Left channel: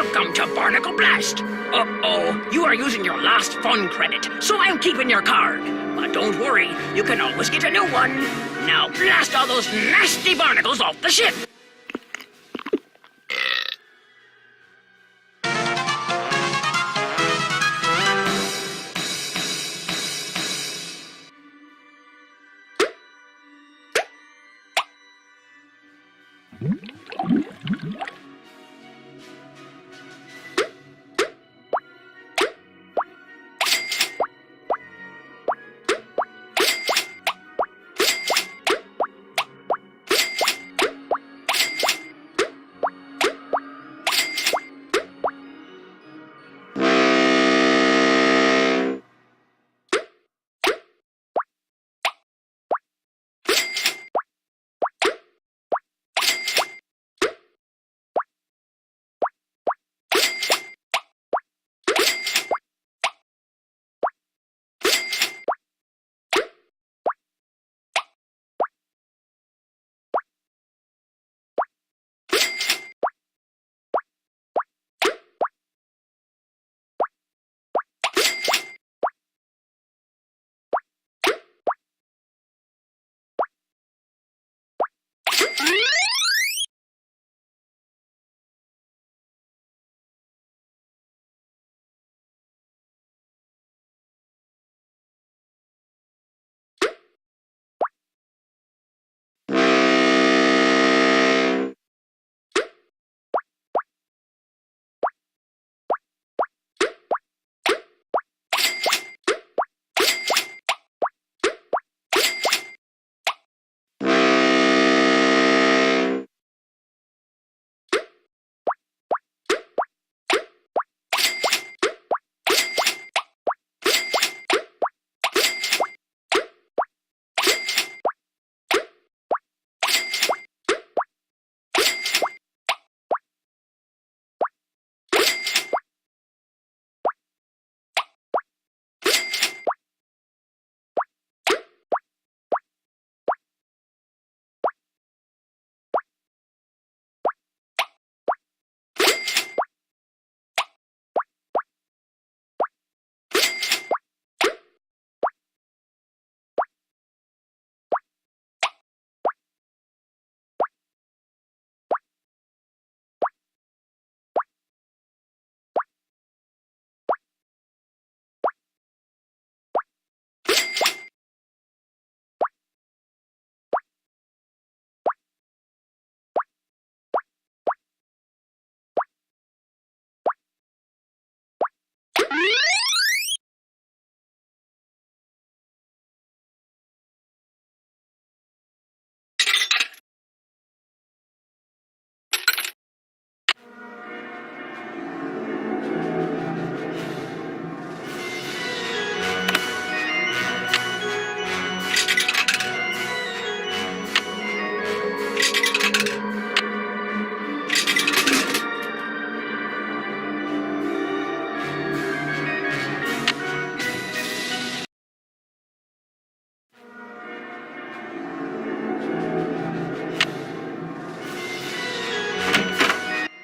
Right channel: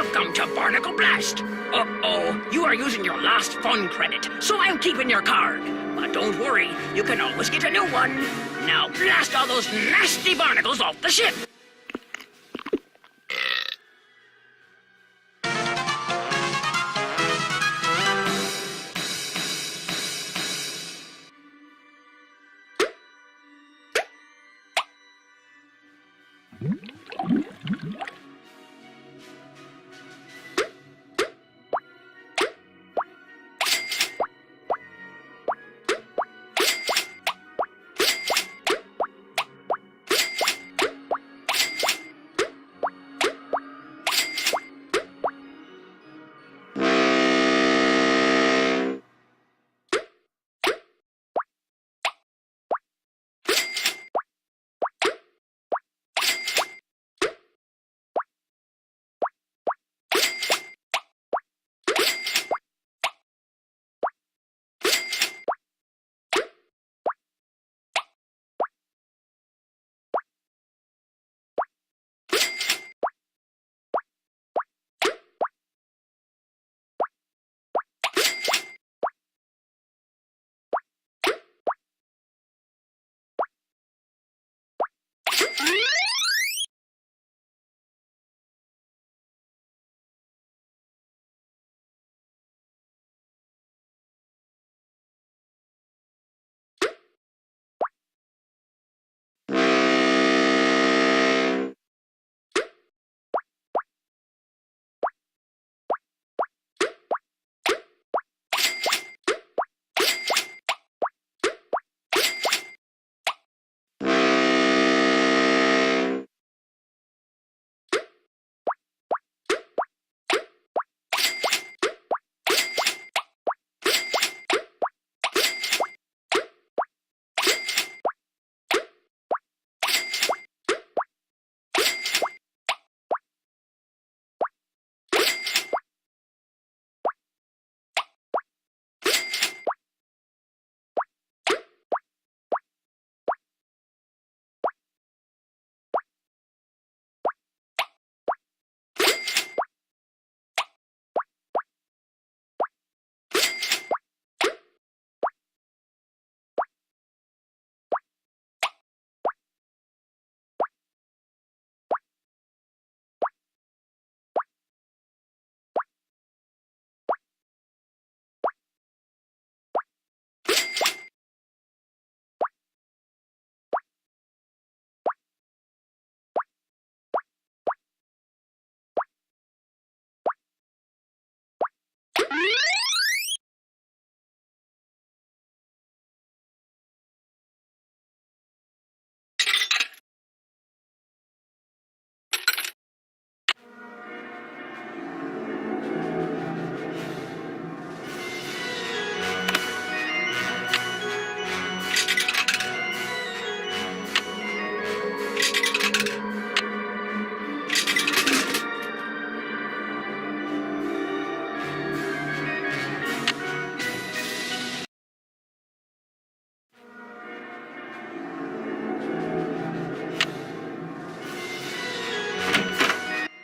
Welcome to Barnacle Blast. Uh-oh, you are using your last fun credit, so I'm keeping your card. But don't worry, you can always get a new one. Now blast all those nasty barnacles off the ship.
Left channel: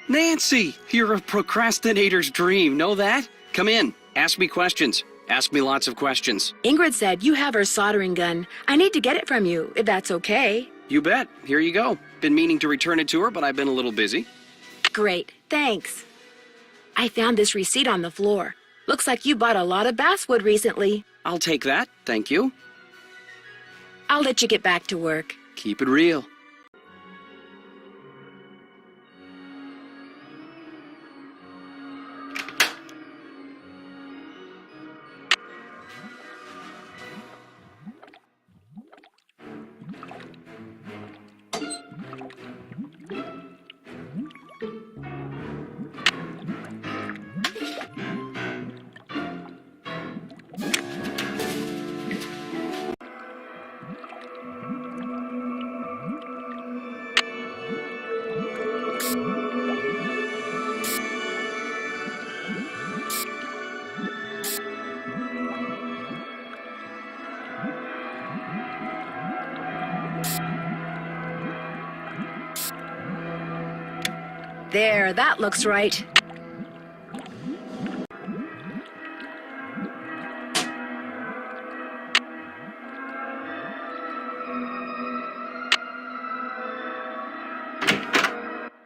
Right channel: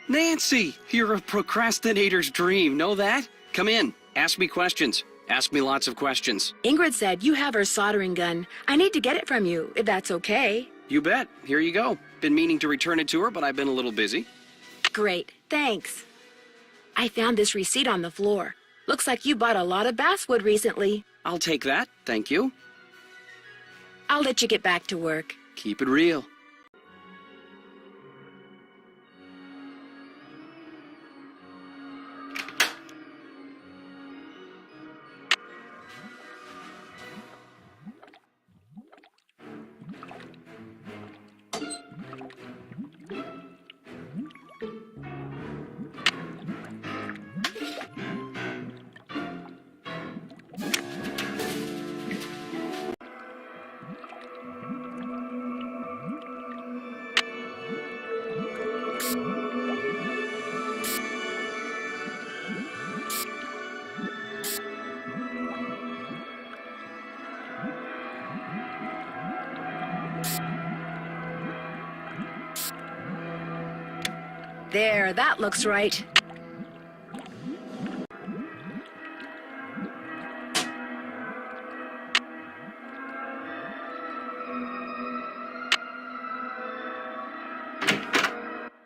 Nancy, you're a procrastinator's dream. Know that? Come in. Ask me questions. Ask me lots of questions. Ingrid said you have her soldering gun. I need to get it from you, if that's okay. You bet. Here you go. Been meaning to return it to her, but I've been a little busy. Great, thanks. I found this receipt on the floor. Looks like you bought a lot of basswood recently. I'll take that. Thank you. I'll let you get back to work. Keep it real. There, that looks right.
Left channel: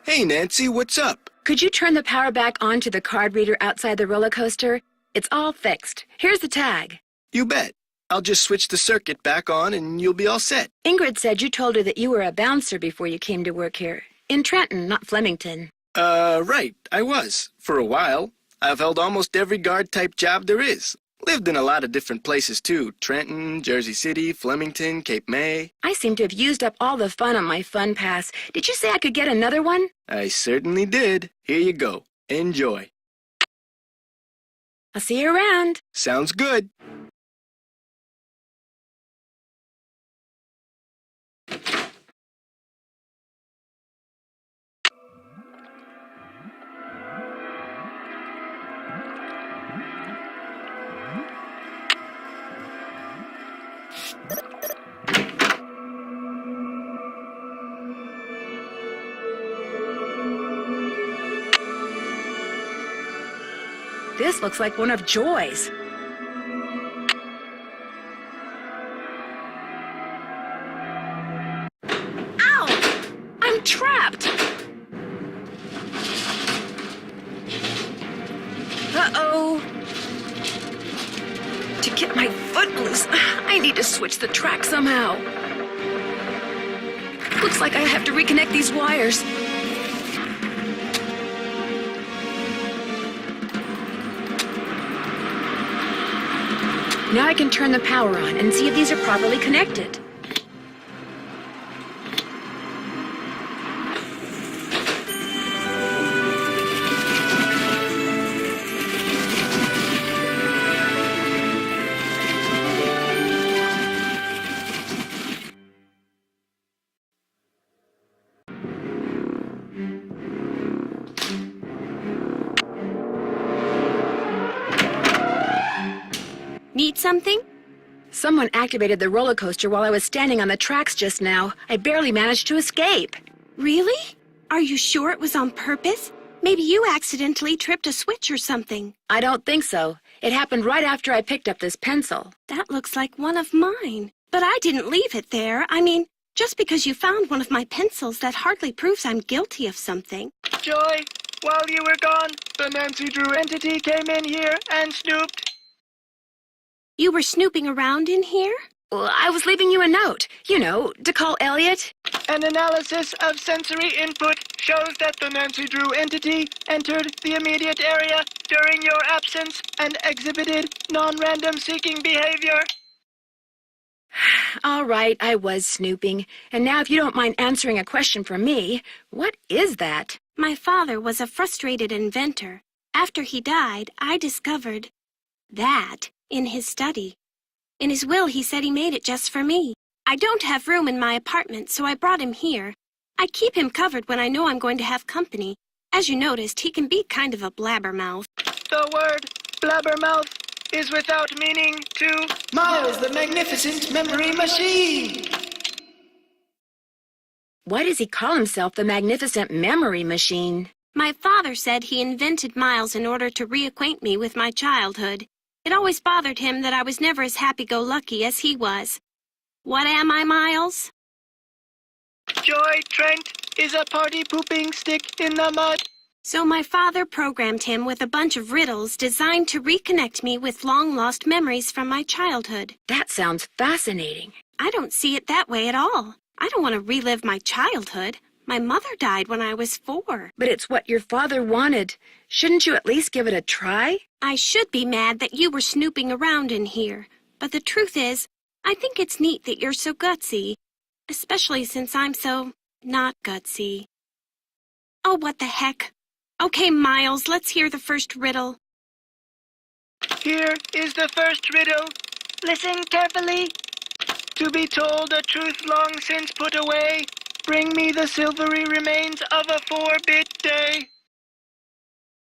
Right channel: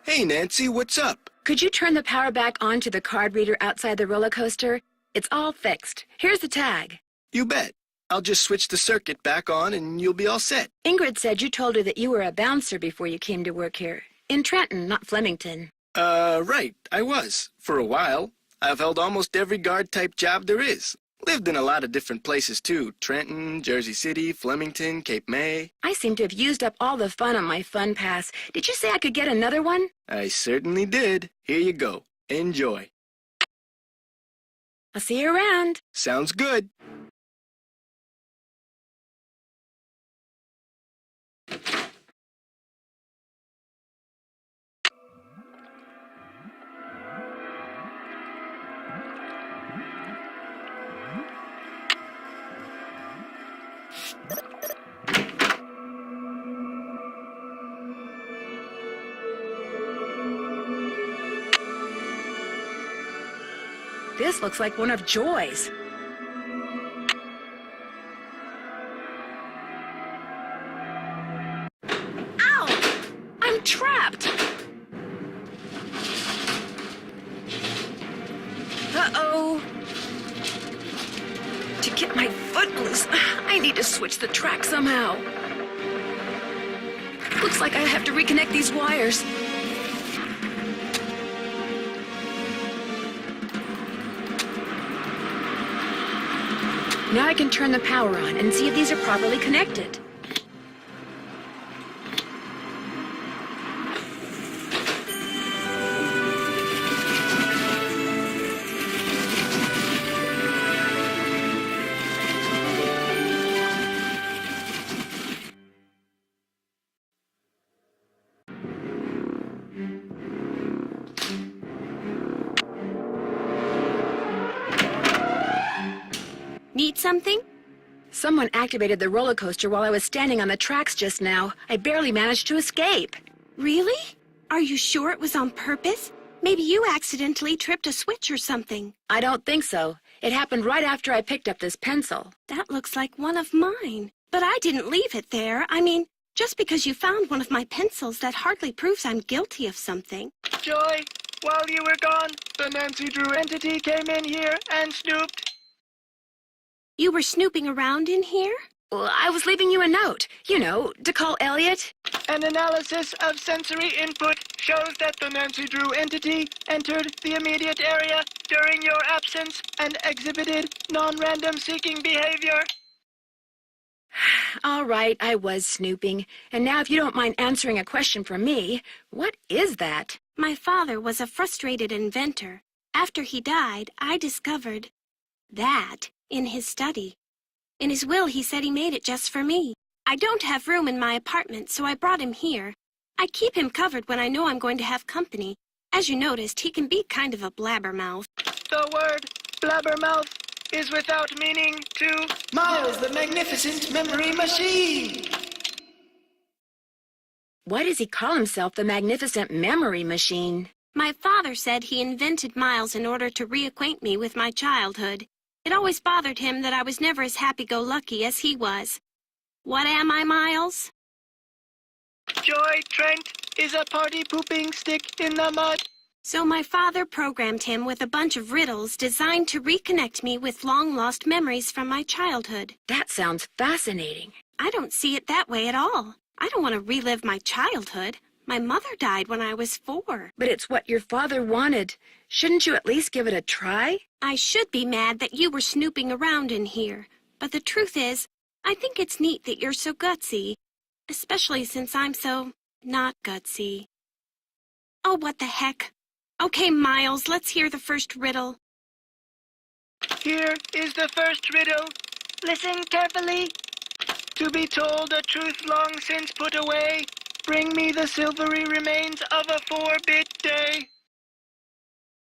Hey, Nancy, what's up? Could you turn the power back on to the card reader outside the roller coaster? It's all fixed. Here's the tag. You bet. I'll just switch the circuit back on and you'll be all set. Ingrid said you told her that you were a bouncer before you came to work here. In Trenton, not Flemington. Right. I was. For a while. I've held almost every guard-type job there is. Lived in a lot of different places, too. Trenton, Jersey City, Flemington, Cape May. I seem to have used up all the fun on my fun pass. Did you say I could get another one? I certainly did. Here you go. Enjoy. I'll see you around. Sounds good. This looks like one of Joy's. Ow! I'm trapped! Uh-oh. To get my foot loose, I need to switch the track somehow. Looks like I have to reconnect these wires. Now I can turn the power on and see if these are properly connected. Need something? Someone activated the roller coaster while I was standing on the tracks just now. I barely managed to escape. Really? Are you sure it was on purpose? Maybe you accidentally tripped a switch or something. I don't think so. It happened right after I picked up this pencil. That looks like one of mine. But I didn't leave it there. I mean, just because you found one of my pencils, that hardly proves I'm guilty of something. Joy, while you were gone, the Nancy Drew entity came in here and snooped. You were snooping around in here? Well, I was leaving you a note, you know, to call Elliot. An analysis of sensory input shows that the Nancy Drew entity entered the immediate area during your absence and exhibited non-random seeking behavior. All right, I was snooping. And now if you don't mind answering a question for me, what is that? My father was a frustrated inventor. After he died, I discovered that in his study. In his will, he said he made it just for me. I don't have room in my apartment, so I brought him here. I keep him covered when I know I'm going to have company. As you noticed, he can be kind of a blabbermouth. The word blabbermouth is without meaning to Miles, the magnificent memory machine. Why does he call himself the magnificent memory machine? My father said he invented Miles in order to reacquaint me with my childhood. It always bothered him that I was never as happy-go-lucky as he was. What am I, Miles? Joy Trent is a party-pooping stick in the mud. So my father programmed him with a bunch of riddles designed to reconnect me with long-lost memories from my childhood. That sounds fascinating. I don't see it that way at all. I don't want to relive my childhood. My mother died when I was 4. But it's what your father wanted. Shouldn't you at least give it a try? I should be mad that you were snooping around in here. But the truth is, I think it's neat that you're so gutsy. Especially since I'm so not gutsy. Oh, what the heck. Okay, Miles, let's hear the first riddle. Here is the first riddle. Listen carefully. To be told a truth long since put away, bring me the silvery remains of a 4-bit day.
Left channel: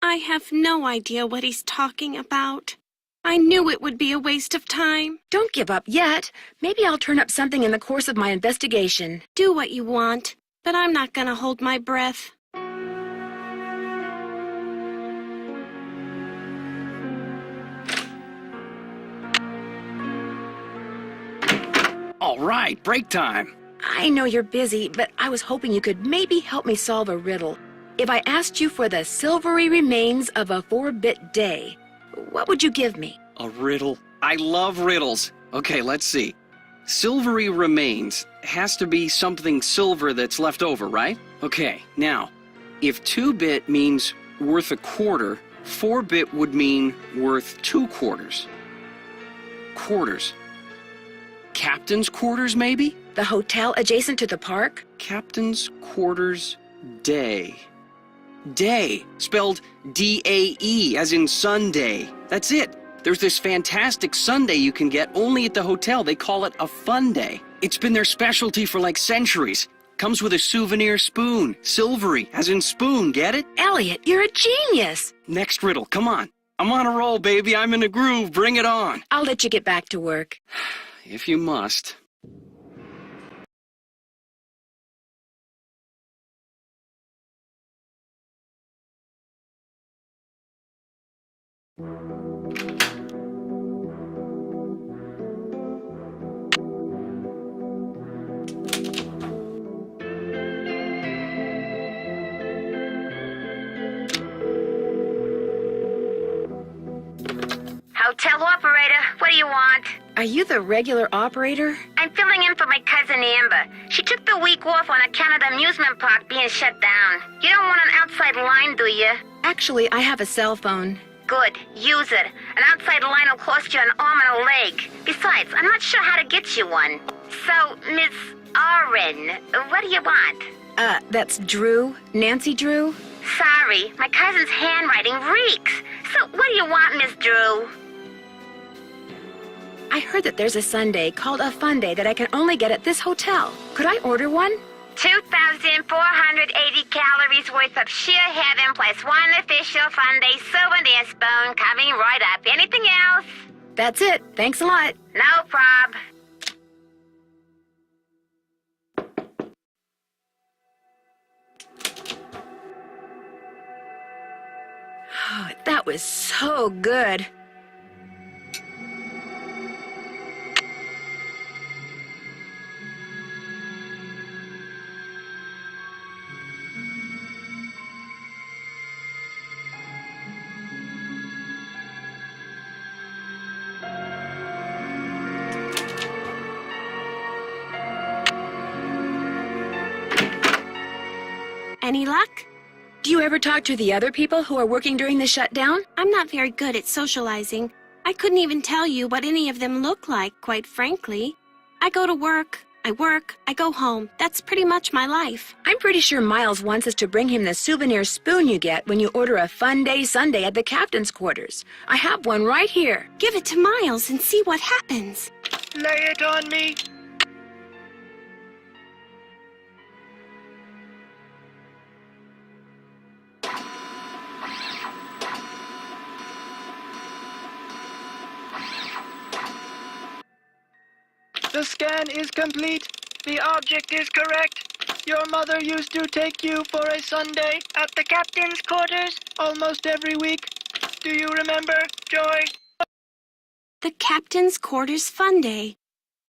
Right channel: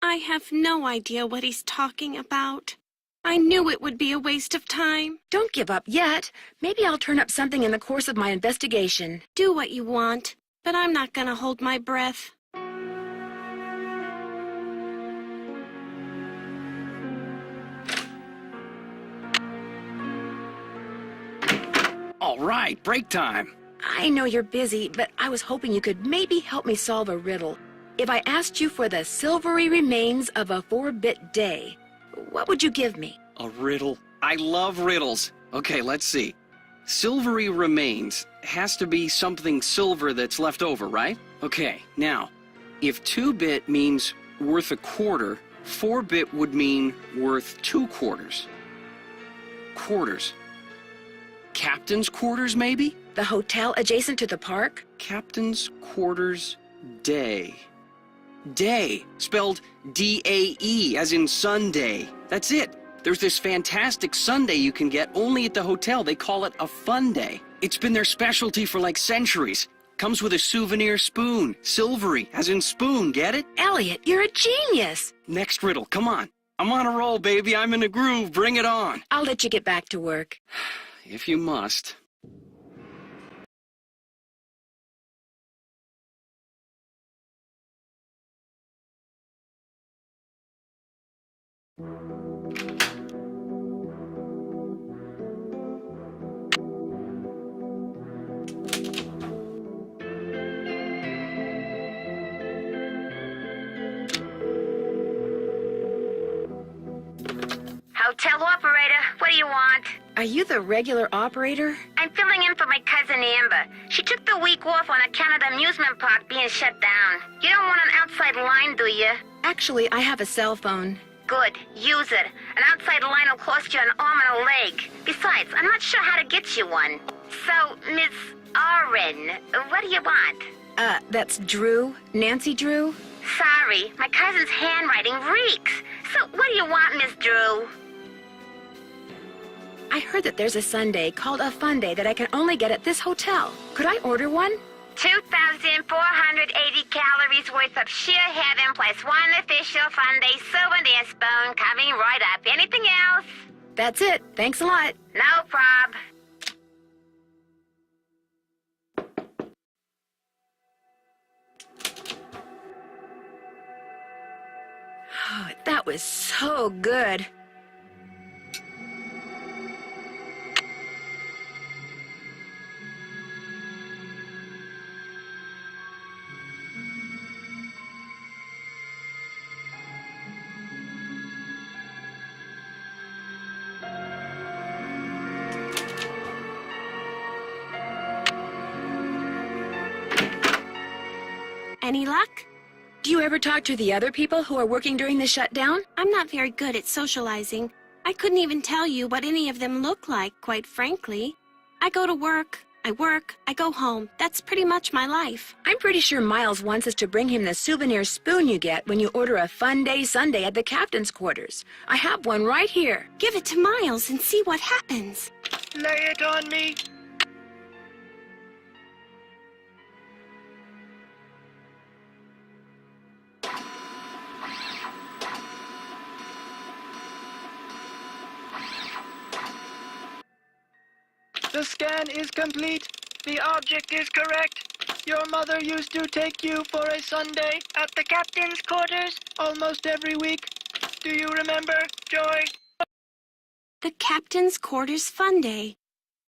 I have no idea what he's talking about. I knew it would be a waste of time. Don't give up yet. Maybe I'll turn up something in the course of my investigation. Do what you want, but I'm not going to hold my breath. All right, break time. I know you're busy, but I was hoping you could maybe help me solve a riddle. If I asked you for the silvery remains of a 4-bit day, what would you give me? A riddle. I love riddles. Okay, let's see. Silvery remains has to be something silver that's left over, right? Okay, now, if 2-bit means worth a quarter, 4-bit would mean worth 2 quarters. Quarters. Captain's quarters, maybe? The hotel adjacent to the park? Captain's quarters day. Day, spelled D-A-E, as in Sunday. That's it. There's this fantastic sundae you can get only at the hotel. They call it a fun day. It's been their specialty for like centuries. Comes with a souvenir spoon. Silvery, as in spoon, get it? Elliot, you're a genius. Next riddle, come on. I'm on a roll, baby. I'm in a groove. Bring it on. I'll let you get back to work. If you must. Hotel operator, what do you want? Are you the regular operator? I'm filling in for my cousin Amber. She took the week off on account of the amusement park being shut down. You don't want an outside line, do you? Actually, I have a cell phone. Good, use it. An outside line will cost you an arm and a leg. Besides, I'm not sure how to get you one. So, Miss Oren, what do you want? That's Drew? Nancy Drew? Sorry, my cousin's handwriting reeks. So, what do you want, Miss Drew? I heard that there's a sundae called a fun day that I can only get at this hotel. Could I order one? 2,480 calories worth of sheer heaven plus one official fun day souvenir spoon coming right up. Anything else? That's it. Thanks a lot. No prob. Oh, that was so good. Any luck? Do you ever talk to the other people who are working during the shutdown? I'm not very good at socializing. I couldn't even tell you what any of them look like, quite frankly. I go to work, I go home. That's pretty much my life. I'm pretty sure Miles wants us to bring him the souvenir spoon you get when you order a fun day sundae at the captain's quarters. I have one right here. Give it to Miles and see what happens. Lay it on me. The scan is complete. The object is correct. Your mother used to take you for a sundae at the captain's quarters almost every week. Do you remember, Joy? The captain's quarters fun day.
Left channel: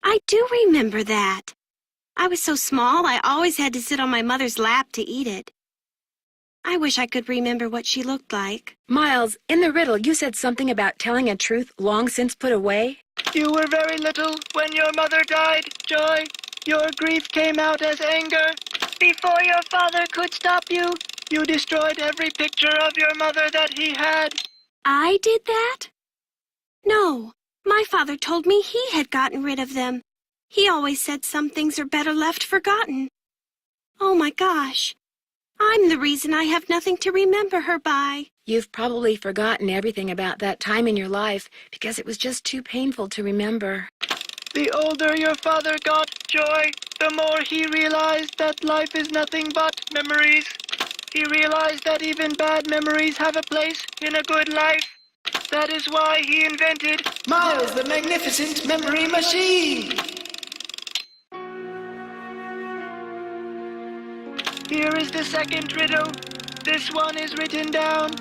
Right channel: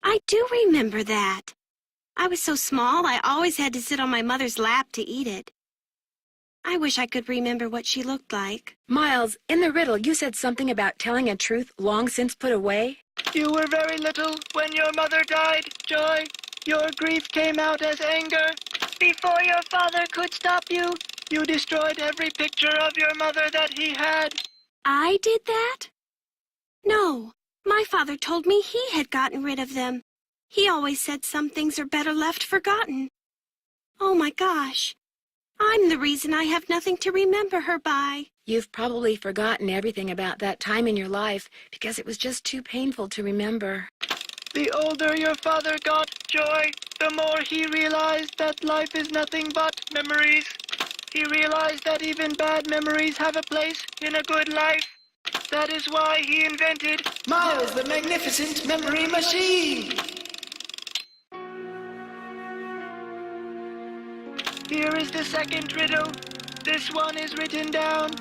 I do remember that. I was so small, I always had to sit on my mother's lap to eat it. I wish I could remember what she looked like. Miles, in the riddle, you said something about telling a truth long since put away. You were very little when your mother died, Joy. Your grief came out as anger. Before your father could stop you, you destroyed every picture of your mother that he had. I did that? No, my father told me he had gotten rid of them. He always said some things are better left forgotten. Oh my gosh. I'm the reason I have nothing to remember her by. You've probably forgotten everything about that time in your life because it was just too painful to remember. The older your father got, Joy, the more he realized that life is nothing but memories. He realized that even bad memories have a place in a good life. That is why he invented Miles the Magnificent Memory Machine. Here is the second riddle. This one is written down.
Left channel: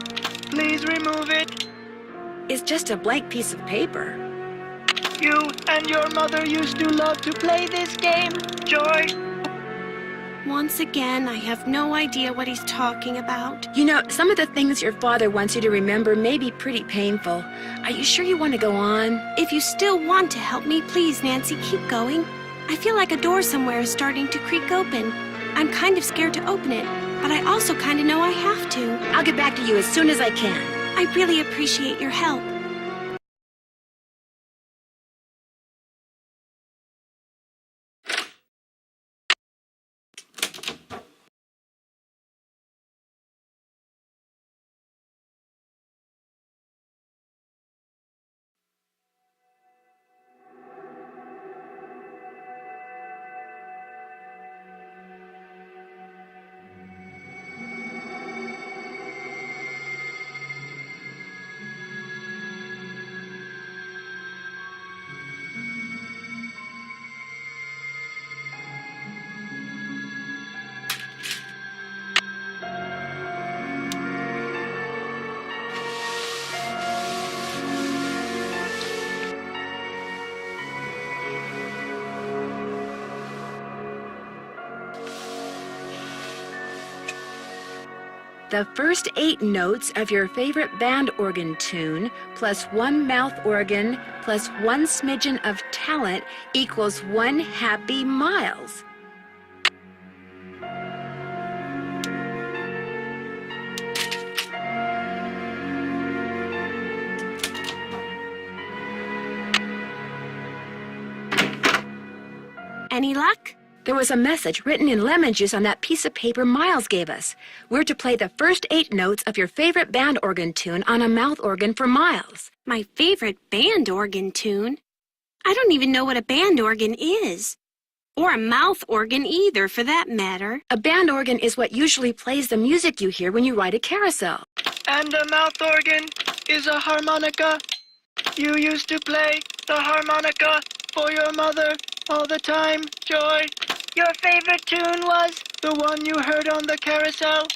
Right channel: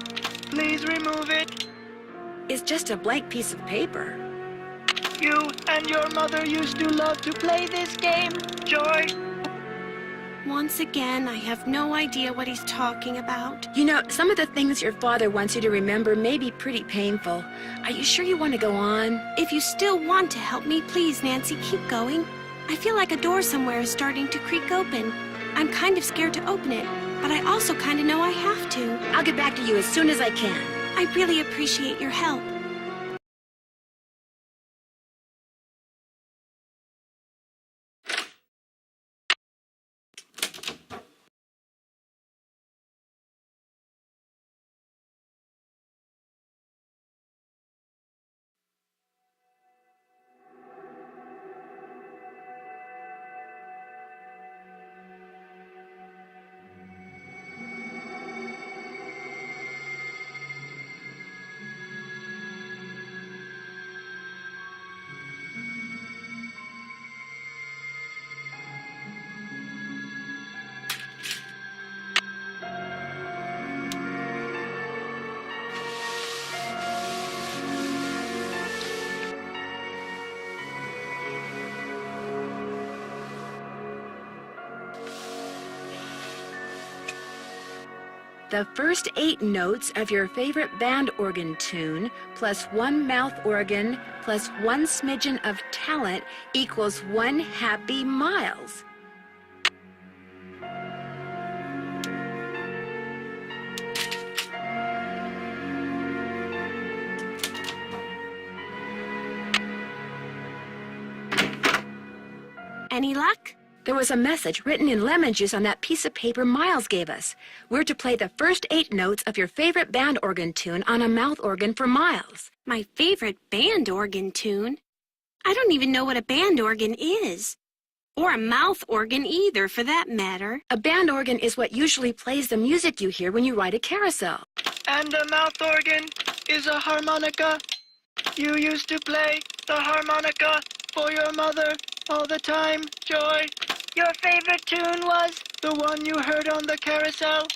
Please remove it. It's just a blank piece of paper. You and your mother used to love to play this game, Joy. Once again, I have no idea what he's talking about. You know, some of the things your father wants you to remember may be pretty painful. Are you sure you want to go on? If you still want to help me, please, Nancy, keep going. I feel like a door somewhere is starting to creak open. I'm kind of scared to open it, but I also kind of know I have to. I'll get back to you as soon as I can. I really appreciate your help. The first 8 notes of your favorite band organ tune, plus 1 mouth organ, plus 1 smidgen of talent equals 1 happy Miles. Any luck? There was a message written in lemon juice on that piece of paper Miles gave us. We're to play the first 8 notes of your favorite band organ tune on a mouth organ for Miles. My favorite band organ tune? I don't even know what a band organ is. Or a mouth organ either, for that matter. A band organ is what usually plays the music you hear when you ride a carousel. And a mouth organ is a harmonica. You used to play the harmonica for your mother all the time, Joy. Your favorite tune was the one you heard on the carousel?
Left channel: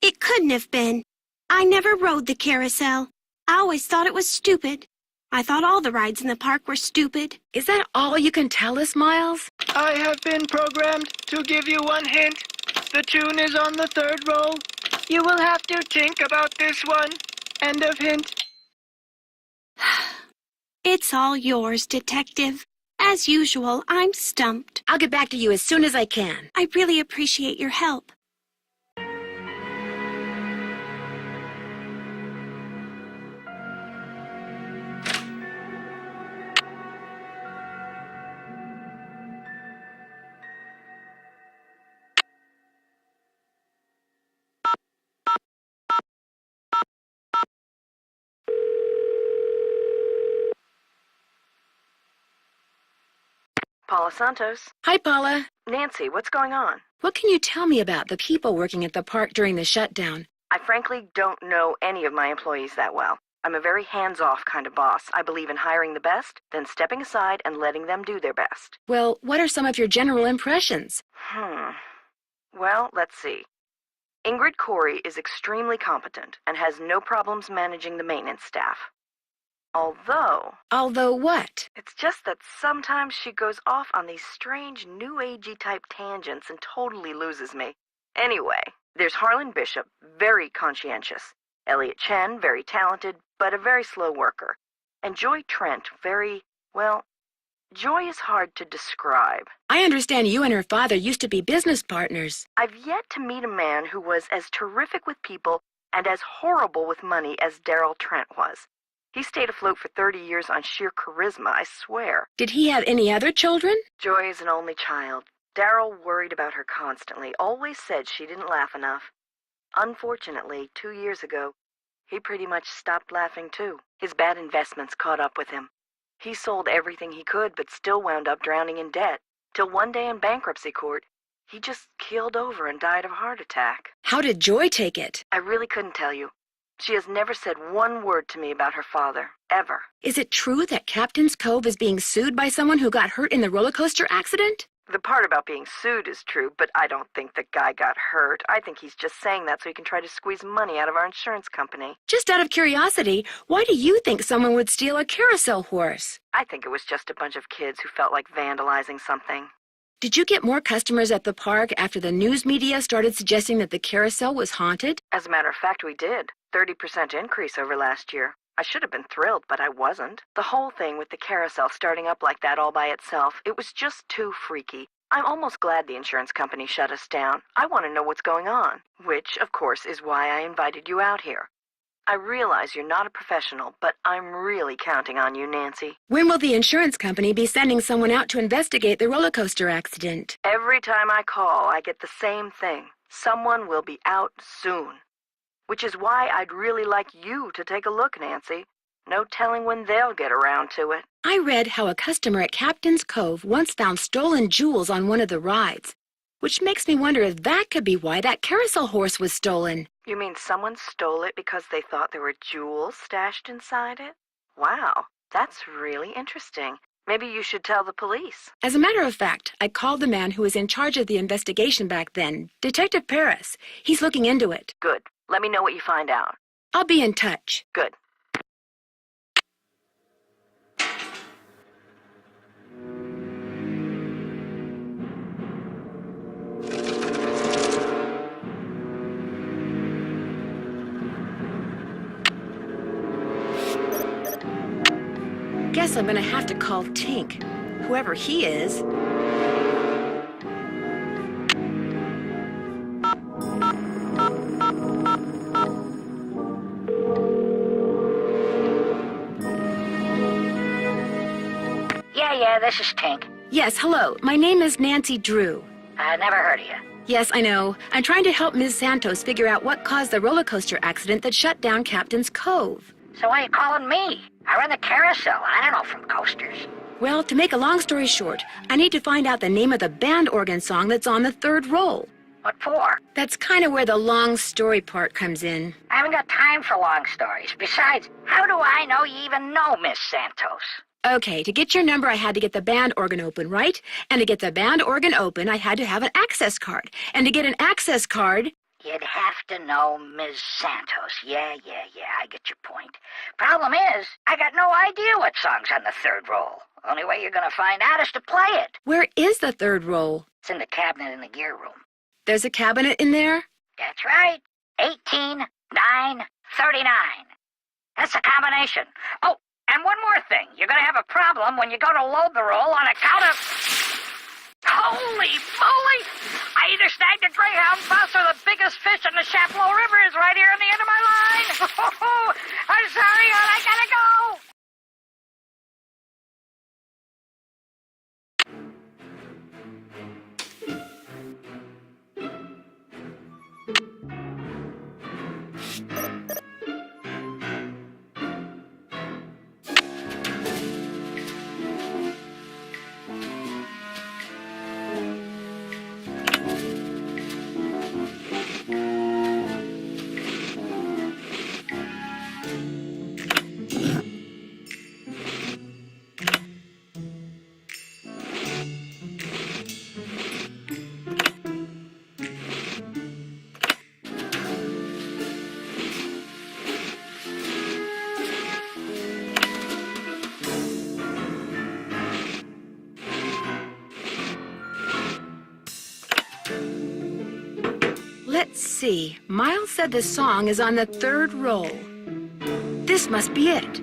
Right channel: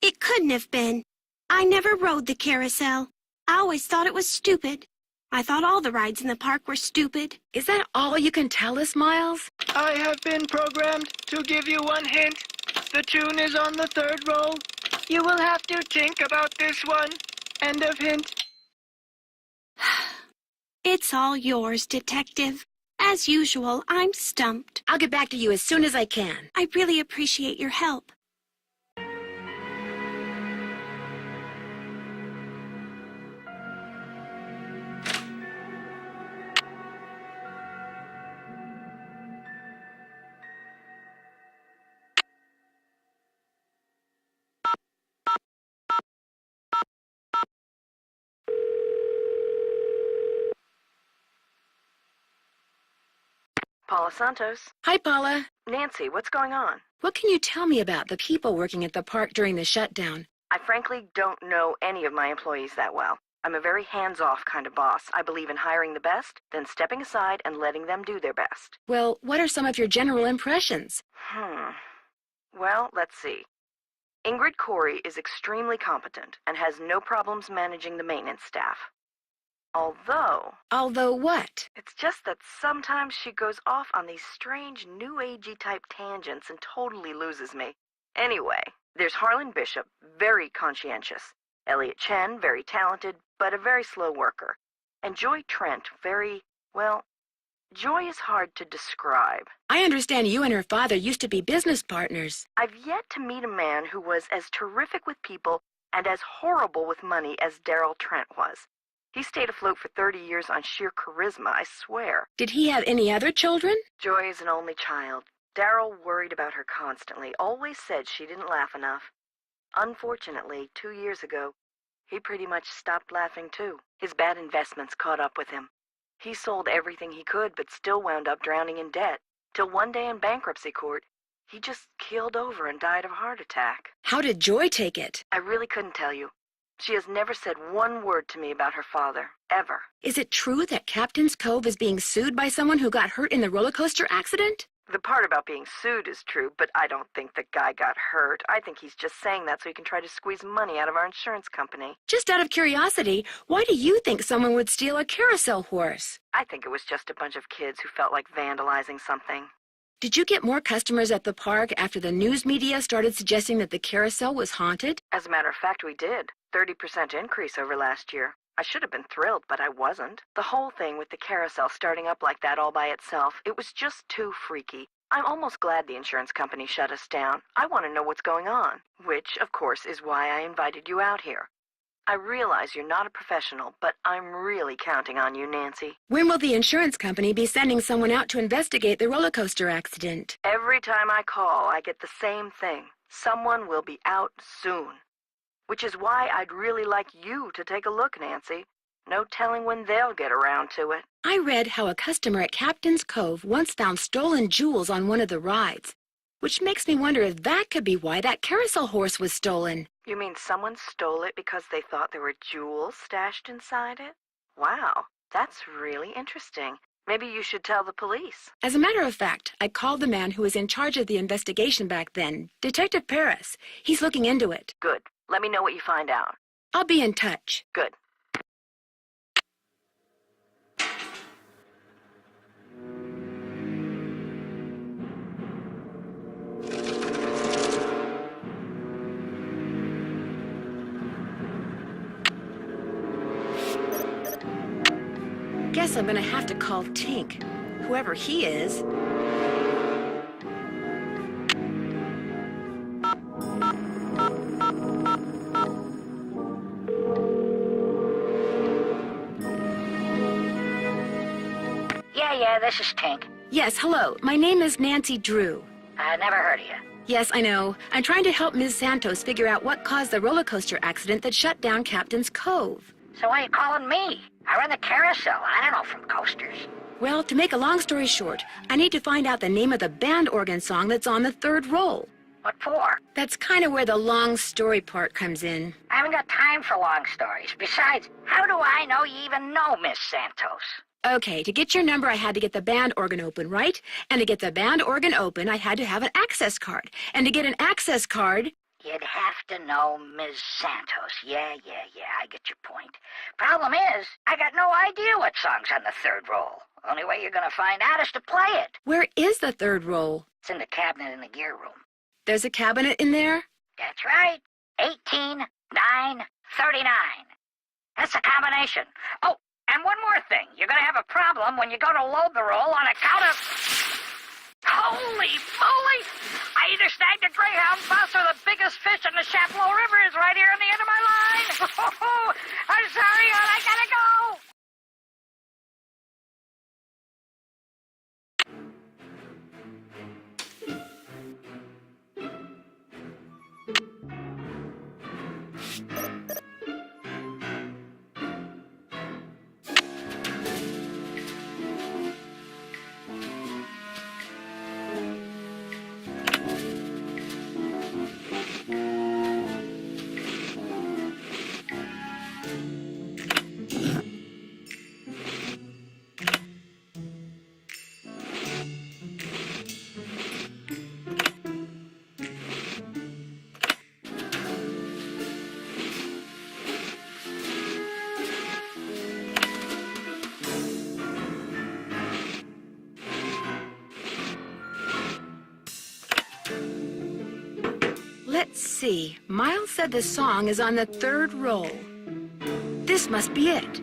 It couldn't have been. I never rode the carousel. I always thought it was stupid. I thought all the rides in the park were stupid. Is that all you can tell us, Miles? I have been programmed to give you one hint. The tune is on the 3rd roll. You will have to think about this one. End of hint. It's all yours, Detective. As usual, I'm stumped. I'll get back to you as soon as I can. I really appreciate your help. Paula Santos. Hi, Paula. Nancy, what's going on? What can you tell me about the people working at the park during the shutdown? I frankly don't know any of my employees that well. I'm a very hands-off kind of boss. I believe in hiring the best, then stepping aside and letting them do their best. Well, what are some of your general impressions? Well, let's see. Ingrid Corey is extremely competent and has no problems managing the maintenance staff. Although what? It's just that sometimes she goes off on these strange new agey type tangents and totally loses me. Anyway, there's Harlan Bishop, very conscientious. Elliot Chen, very talented, but a very slow worker. And Joy Trent, Joy is hard to describe. I understand you and her father used to be business partners. I've yet to meet a man who was as terrific with people and as horrible with money as Darrell Trent was. He stayed afloat for 30 years on sheer charisma, I swear. Did he have any other children? Joy is an only child. Darrell worried about her constantly, always said she didn't laugh enough. Unfortunately, 2 years ago, he pretty much stopped laughing too. His bad investments caught up with him. He sold everything he could, but still wound up drowning in debt. Till one day in bankruptcy court, he just keeled over and died of a heart attack. How did Joy take it? I really couldn't tell you. She has never said one word to me about her father, ever. Is it true that Captain's Cove is being sued by someone who got hurt in the roller coaster accident? The part about being sued is true, but I don't think the guy got hurt. I think he's just saying that so he can try to squeeze money out of our insurance company. Just out of curiosity, why do you think someone would steal a carousel horse? I think it was just a bunch of kids who felt like vandalizing something. Did you get more customers at the park after the news media started suggesting that the carousel was haunted? As a matter of fact, we did. 30% increase over last year. I should have been thrilled, but I wasn't. The whole thing with the carousel starting up like that all by itself, it was just too freaky. I'm almost glad the insurance company shut us down. I want to know what's going on, which, of course, is why I invited you out here. I realize you're not a professional, but I'm really counting on you, Nancy. When will the insurance company be sending someone out to investigate the roller coaster accident? Every time I call, I get the same thing. Someone will be out soon. Which is why I'd really like you to take a look, Nancy. No telling when they'll get around to it. I read how a customer at Captain's Cove once found stolen jewels on one of the rides, which makes me wonder if that could be why that carousel horse was stolen. You mean someone stole it because they thought there were jewels stashed inside it? Wow, that's really interesting. Maybe you should tell the police. As a matter of fact, I called the man who was in charge of the investigation back then, Detective Paris. He's looking into it. Good. Let me know what you find out. I'll be in touch. Good. Guess I'm gonna have to call Tink, whoever he is. Yeah, this is Tink. Yes, hello. My name is Nancy Drew. I never heard of you. Yes, I know. I'm trying to help Ms. Santos figure out what caused the roller coaster accident that shut down Captain's Cove. So why are you calling me? I run the carousel. I don't know from coasters. Well, to make a long story short, I need to find out the name of the band organ song that's on the third roll. What for? That's kind of where the long story part comes in. I haven't got time for long stories. Besides, how do I know you even know Miss Santos? Okay, to get your number, I had to get the band organ open, right? And to get the band organ open, I had to have an access card. And to get an access card... You'd have to know Ms. Santos. Yeah, I get your point. Problem is, I got no idea what song's on the third roll. Only way you're gonna find out is to play it. Where is the third roll? It's in the cabinet in the gear room. There's a cabinet in there? That's right. 18, 9, 39. That's the combination. Oh, and one more thing. You're gonna have a problem when you go to load the roll on account of... Holy moly! I either snagged a greyhound bus or the biggest fish in the Chapleau River is right here on the end of my line. I'm sorry, but I gotta go. Let's see. Miles said the song is on the third roll. This must be it.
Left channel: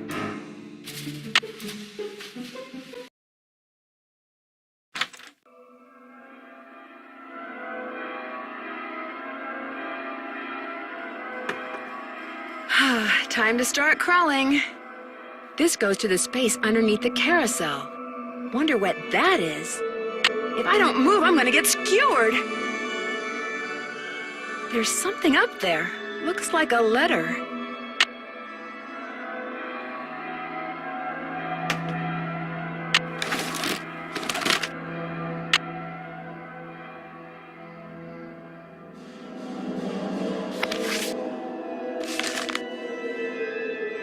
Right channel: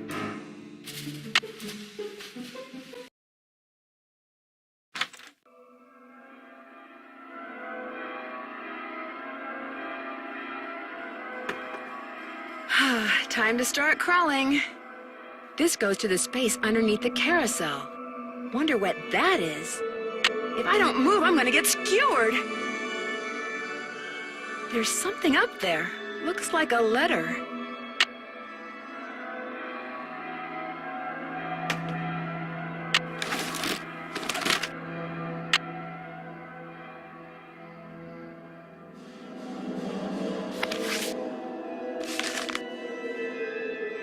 Time to start crawling. This goes to the space underneath the carousel. Wonder what that is. If I don't move, I'm gonna get skewered. There's something up there. Looks like a letter.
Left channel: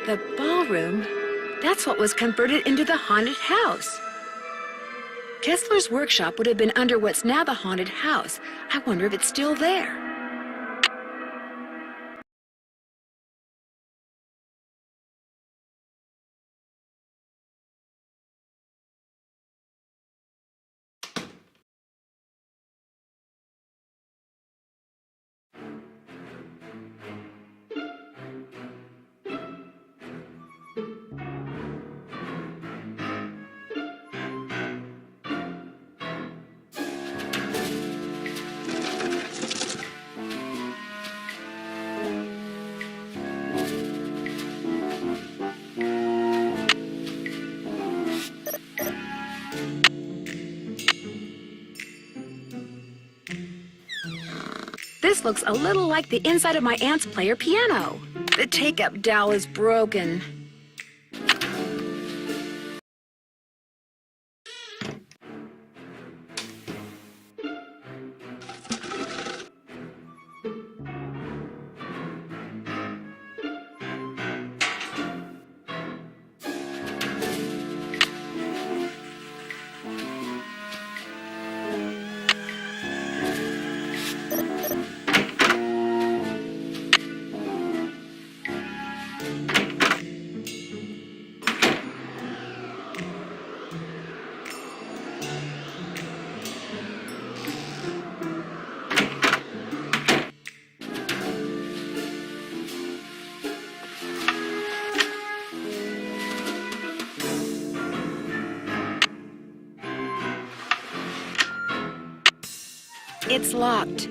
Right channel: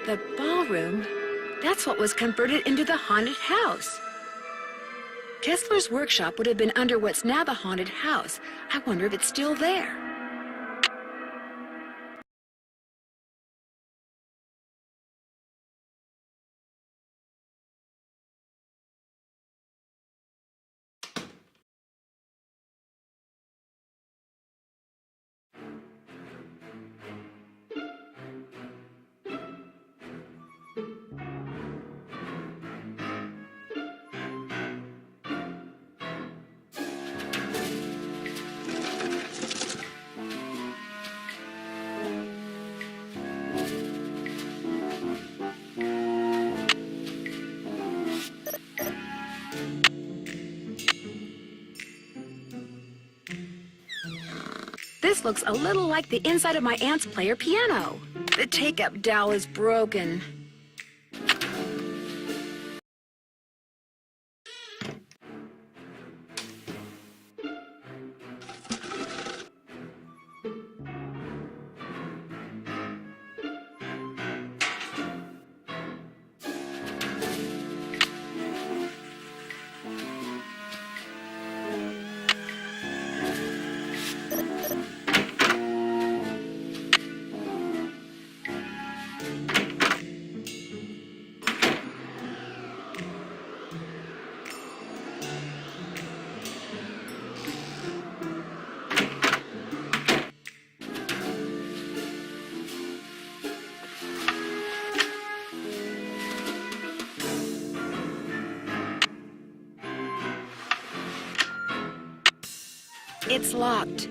The ballroom? That's what was converted into the haunted house. Kessler's workshop would have been under what's now the haunted house. I wonder if it's still there. This looks a little like the inside of my aunt's player piano. The take-up dowel is broken. It's locked.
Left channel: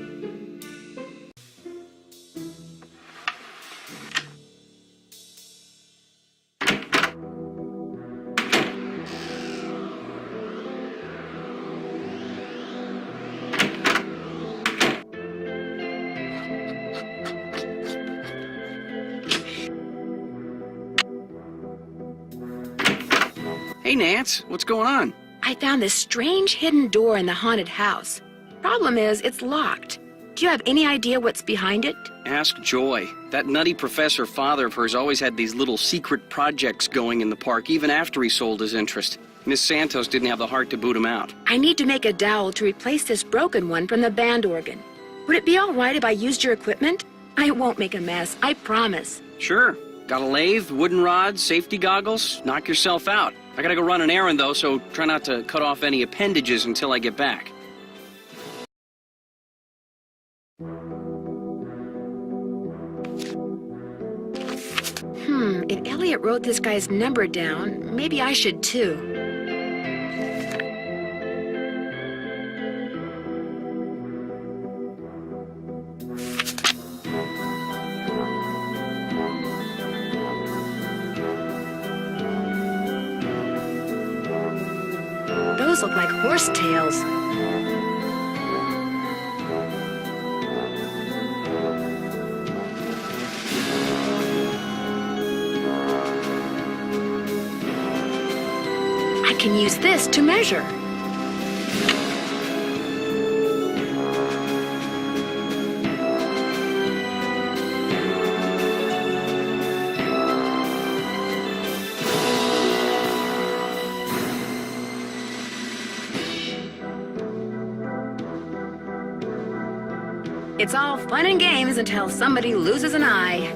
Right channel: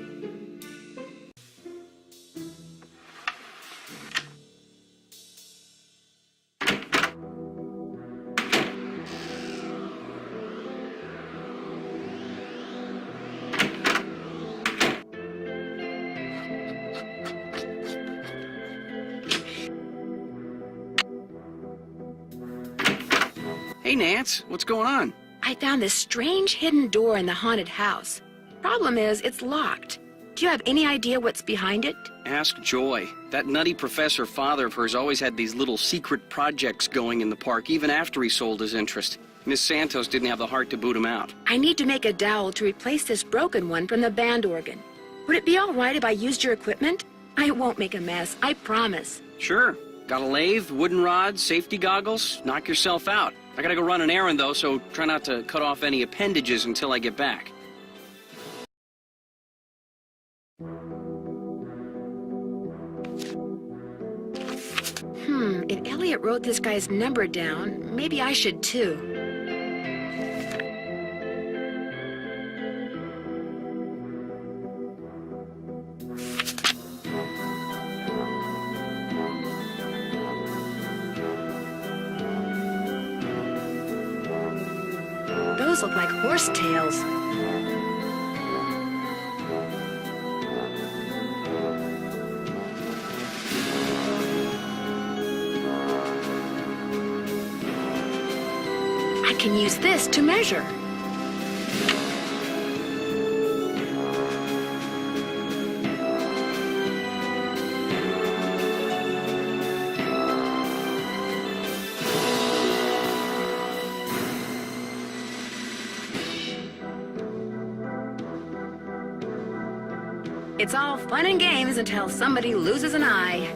Hey, Nance, what's going on? I found this strange hidden door in the haunted house. Problem is, it's locked. Do you have any idea what's behind it? Ask Joy. That nutty professor father of hers always had these little secret projects going in the park, even after he sold his interest. Miss Santos didn't have the heart to boot him out. I need to make a dowel to replace this broken one from the band organ. Would it be all right if I used your equipment? I won't make a mess, I promise. Sure. Got a lathe, wooden rods, safety goggles? Knock yourself out. I gotta go run an errand, though, so try not to cut off any appendages until I get back. If Elliot wrote this guy's number down, maybe I should too. Those look like horse tails. I can use this to measure. It's all fun and games until somebody loses an eye.